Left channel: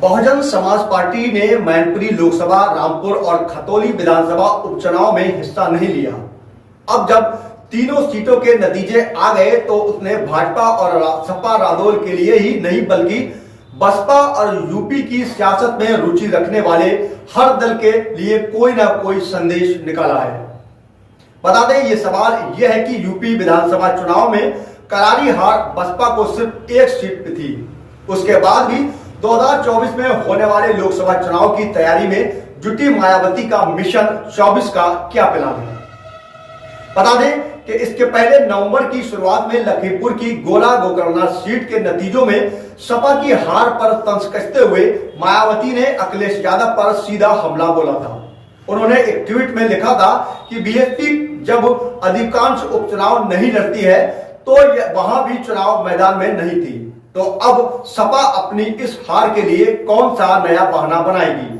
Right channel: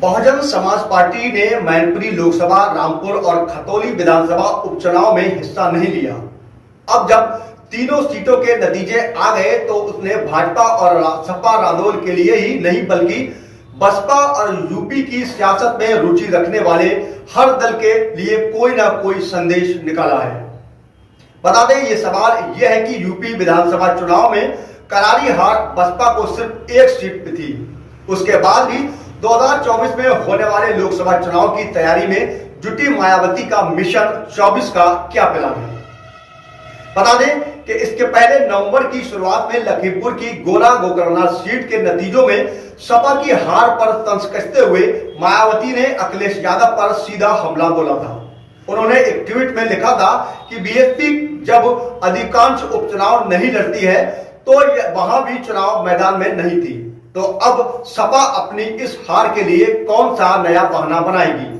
Bahujan Samaj party ने मैनपुरी लोकसभा, रामपुर और खतौली विधानसभा उपचुनाव में हिस्सा नहीं लिया। अब जब तीनों सीटों के नतीजे आ गए तो उसने भाजपा और सपा रालोल के लिए ही नहीं बल्कि बसपा और यूपी की सियासत में रुचि रखने वाले हर दल के लिए कोई ना कोई संदेश निकाला है। बता दें, ये सवाल यह है कि यूपी विधानसभा चुनाव में करारी हार बसपा को सिर्फ एक सीट पे थी। उसके बाद भी 2024 में होने वाले लोकसभा चुनाव की तैयारी में जुटी मायावती का मिशन 24 का क्या प्लान है। बता दें कि इसके पहले नवंबर की शुरुआत में लखीमपुर की गोला गोकर्ण सीट के नतीजों में सपा की हार पर तंज कसते हुए मायावती ने अखिलेश यादव पर सीधा हमला बोला था। उन्होंने एक ट्वीट में लिखा था कि बीएसपी जब अधिकांश उपचुनाव नहीं लड़ती है तो वहां भी चुनाव मैदान में नहीं थी, तो अब सपा अपनी इस हार के लिए कौन सा नया बहाना बनाएगी।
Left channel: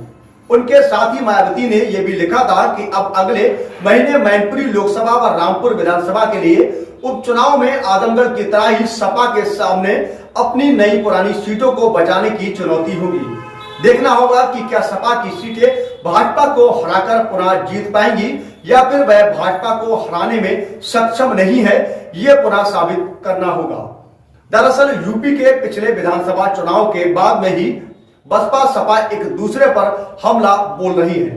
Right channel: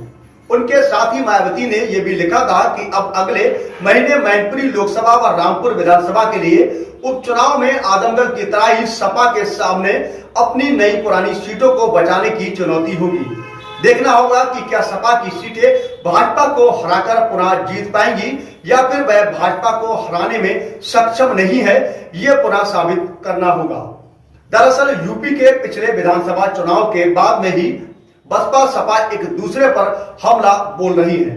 उनके साथ ही मायावती ने यह भी लिखा था कि अब अगले महीने मैनपुरी लोकसभा व रामपुर विधानसभा के लिए उपचुनाव में आजमगढ़ की तरह ही सपा के सामने अपनी नई पुरानी सीटों को बचाने की चुनौती होगी। देखना होगा कि क्या सपा की सीटें भाजपा को हराकर पुनः जीत पाएंगी या फिर वह भाजपा को हराने में सक्षम नहीं है, यह पुनः साबित करना होगा। दरअसल यूपी के पिछले विधानसभा चुनाव के बाद में ही बसपा सपा एक दूसरे पर हमला बोल रही है।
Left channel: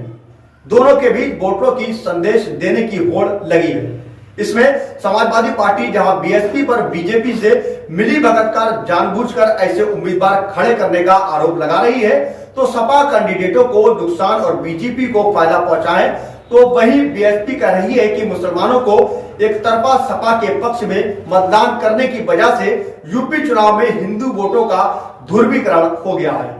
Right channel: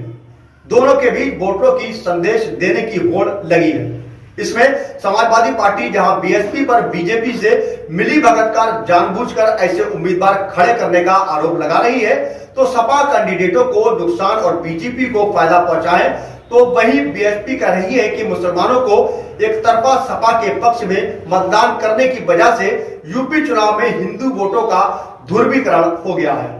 दोनों के बीच वोटरों की संदेश देने की होड़ लगी है। इसमें समाजवादी पार्टी जहां बीएसपी पर बीजेपी से मिली भगत कर जानबूझकर ऐसे उम्मीदवार खड़े करने का आरोप लगा रही है, तो सपा कैंडिडेटों को नुकसान और बीजेपी को फायदा पहुंचाए, तो वहीं बीएसपी कह रही है कि मुसलमानों को एक तरफा सपा के पक्ष में मतदान करने की वजह से यूपी चुनाव में हिंदू वोटों का ध्रुवीकरण हो गया है।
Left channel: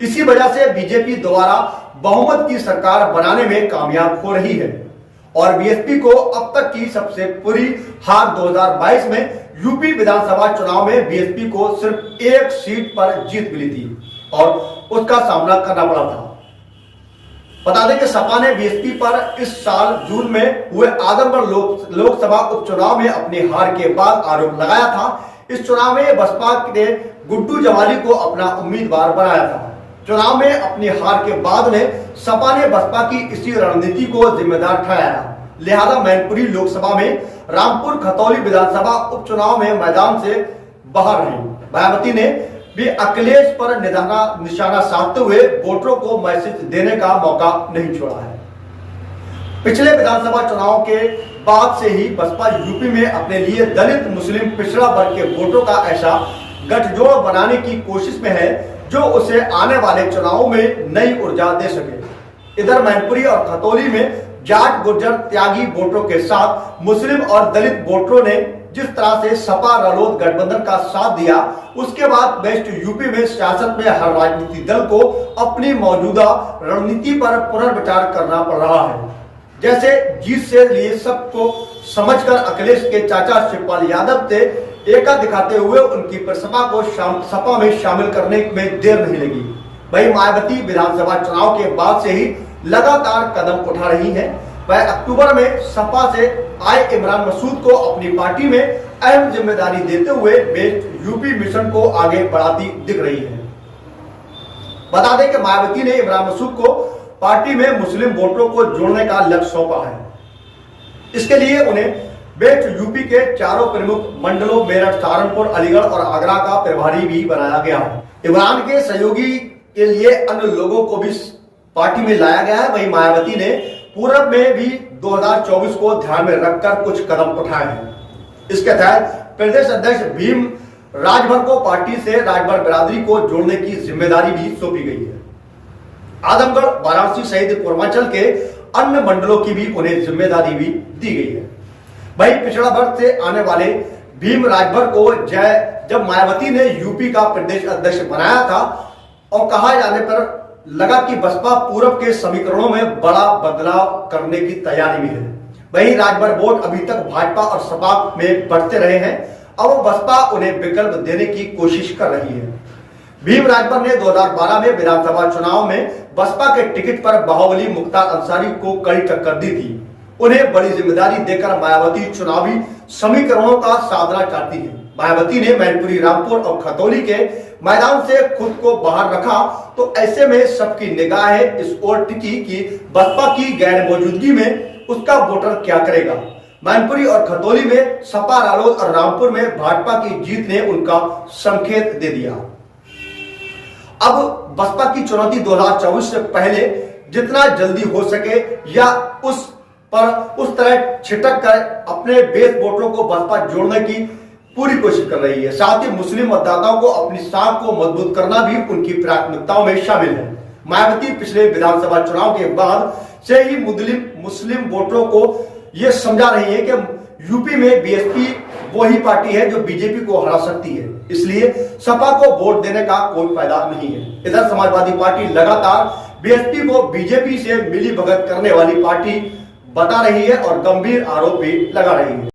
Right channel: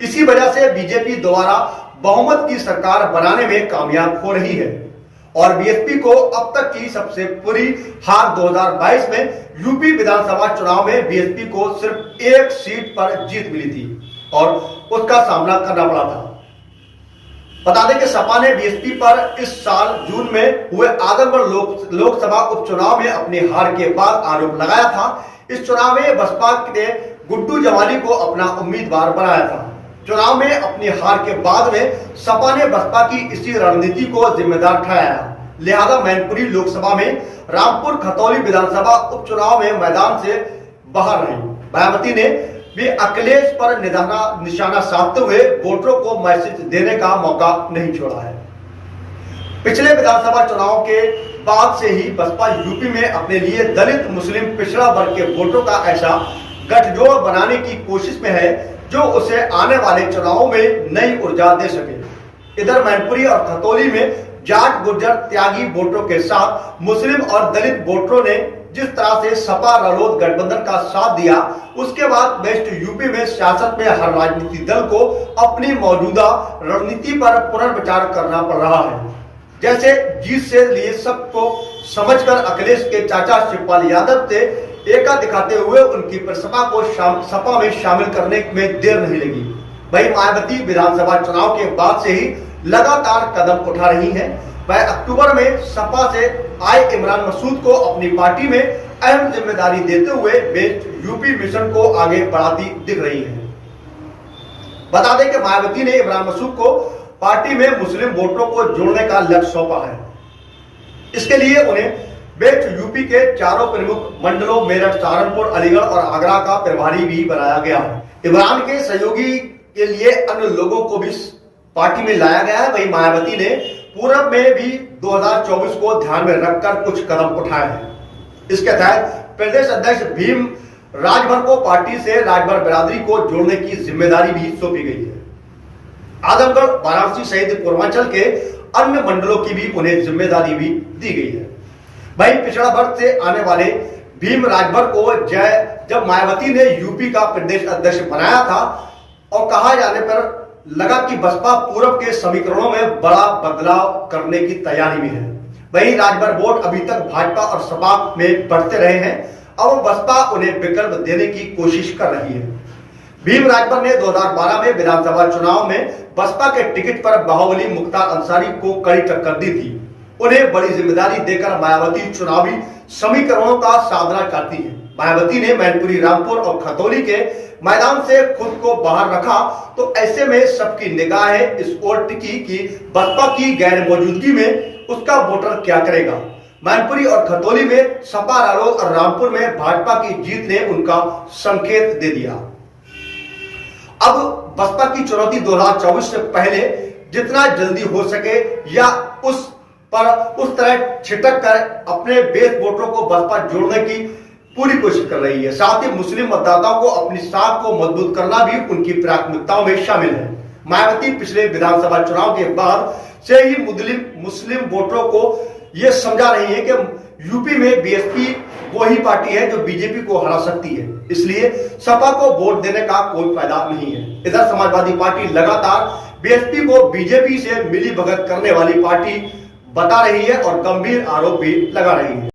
इसी वजह से बीजेपी दोबारा बहुमत की सरकार बनाने में कामयाब हो रही है और बीएसपी को अब तक की सबसे बुरी हार 2022 में यूपी विधानसभा चुनाव में बीएसपी को सिर्फ एक सीट पर जीत मिली थी और उसका सामना करना पड़ा था। बता दें कि सपा ने बीएसपी पर इस साल जून में हुए आजमगढ़ लोकसभा उपचुनाव में अपनी हार के बाद आरोप लगाया था। इस चुनाव में बसपा ने गुड्डू जमाली को अपना उम्मीदवार बनाया था। चुनाव में अपनी हार के बाद में सपा ने बसपा की इसी रणनीति को जिम्मेदार ठहराया, लिहाजा मैनपुरी लोकसभा में रामपुर खतौली विधानसभा उपचुनाव में मैदान से बाहर रही। मायावती ने भी अखिलेश पर निशाना साधते हुए वोटरों को मैसेज देने का मौका नहीं छोड़ा है। पिछले विधानसभा चुनाव के बाद से ही बसपा यूपी में अपने लिए दलित मुस्लिम पिछड़ा वर्ग के वोटों का ऐसा गठजोड़ बनाने की कोशिश में है जो उसे आने वाले चुनावों में नई ऊर्जा दे सके। इधर मैनपुरी और खतौली में जाट गुर्जर त्यागी वोटरों के साथ मुस्लिम और दलित वोटरों ने जिस तरह से सपा रालोद गठबंधन का साथ दिया, उसके बाद वेस्ट यूपी में सियासत में हर राजनीतिक दल को अपनी मौजूदा रणनीति पर पुनर्विचार करना पड़ रहा है। जैसे जीत से लिए सबको समझकर अखिलेश के चाचा शिवपाल यादव से एका दिखाते हुए उनकी सपा को सपा में शामिल करने में देर नहीं लगी। वही मायावती विधानसभा चुनाव के बाद से ही लगातार कदम उठा रही हैं। वह अक्टूबर में सपा से आए इमरान मसूद को अपनी पार्टी में अहम जिम्मेदारी देते हुए वेस्ट यूपी मिशन को आगे बढ़ाती दिख रही है। बता दें कि मायावती ने इमरान मसूद को पार्टी में मुस्लिम वोटरों को जोड़ने का लक्ष्य सौंपा है। इसके लिए उन्हें वेस्ट यूपी के चारों प्रमुख मंडलों मेरठ, सहारनपुर, अलीगढ़ और आगरा का प्रभारी भी बनाया गया है। इमरान के सहयोगी के लिए अन्य लोगों को भी पार्टी में लाया गया है। वही मायावती ने पूर्व में भी 2024 को ध्यान में रखकर कुछ कदम उठाए हैं। इसके तहत प्रदेश अध्यक्ष भीम राजभर को पार्टी से राजभर बिरादरी को जोड़ने की जिम्मेदारी भी सौंपी गई है। आजमगढ़, वाराणसी सहित पूर्वांचल के अन्य मंडलों की भी उन्हें जिम्मेदारी भी दी गई है। वही पिछड़ा वर्ग से आने वाले भीम राजभर को जब मायावती ने यूपी का प्रदेश अध्यक्ष बनाया था और कहा जाने पर लगा कि बसपा पूर्व के समीकरणों में बड़ा बदलाव करने की तैयारी में है। वही राजभर वोट अभी तक भाजपा और सपा में बढ़ते रहे हैं। अब बसपा उन्हें विकल्प देने की कोशिश कर रही है। भीम राजभर ने 2012 में विधानसभा चुनाव में बसपा के टिकट पर बाहुबली मुख्तार अंसारी को कड़ी टक्कर दी थी। उन्हें बड़ी जिम्मेदारी देकर मायावती चुनावी समीकरणों का साधना चाहती है। मायावती ने मैनपुरी, रामपुर और खतौली के मैदान से खुद को बाहर रखा, तो ऐसे में सबकी निगाहें इस ओर टिकी कि बसपा की गैर मौजूदगी में उसका वोटर क्या करेगा। मैनपुरी और खतौली में सपा, रालोद और रामपुर में भाजपा की जीत ने उनका संकेत दे दिया। अब बसपा की चुनौती 2024 से पहले जितना जल्दी हो सके या उस तरह छिटक कर अपने बेस वोटरों को बसपा जोड़ने की पूरी कोशिश कर रही है। साथ ही मुस्लिम मतदाताओं को अपनी साख को मजबूत करना भी उनकी प्राथमिकताओं में शामिल है। मायावती पिछले विधानसभा चुनाव के बाद से ही मुस्लिम वोटरों को यह समझा रही है कि यूपी में बीएसपी वही पार्टी है जो बीजेपी को हरा सकती है, इसलिए सपा को वोट देने का कोई फायदा नहीं है। इधर समाजवादी पार्टी लगातार बीएसपी को बीजेपी से मिली भगत करने वाली पार्टी बता रही है और गंभीर आरोप भी लगा रही है।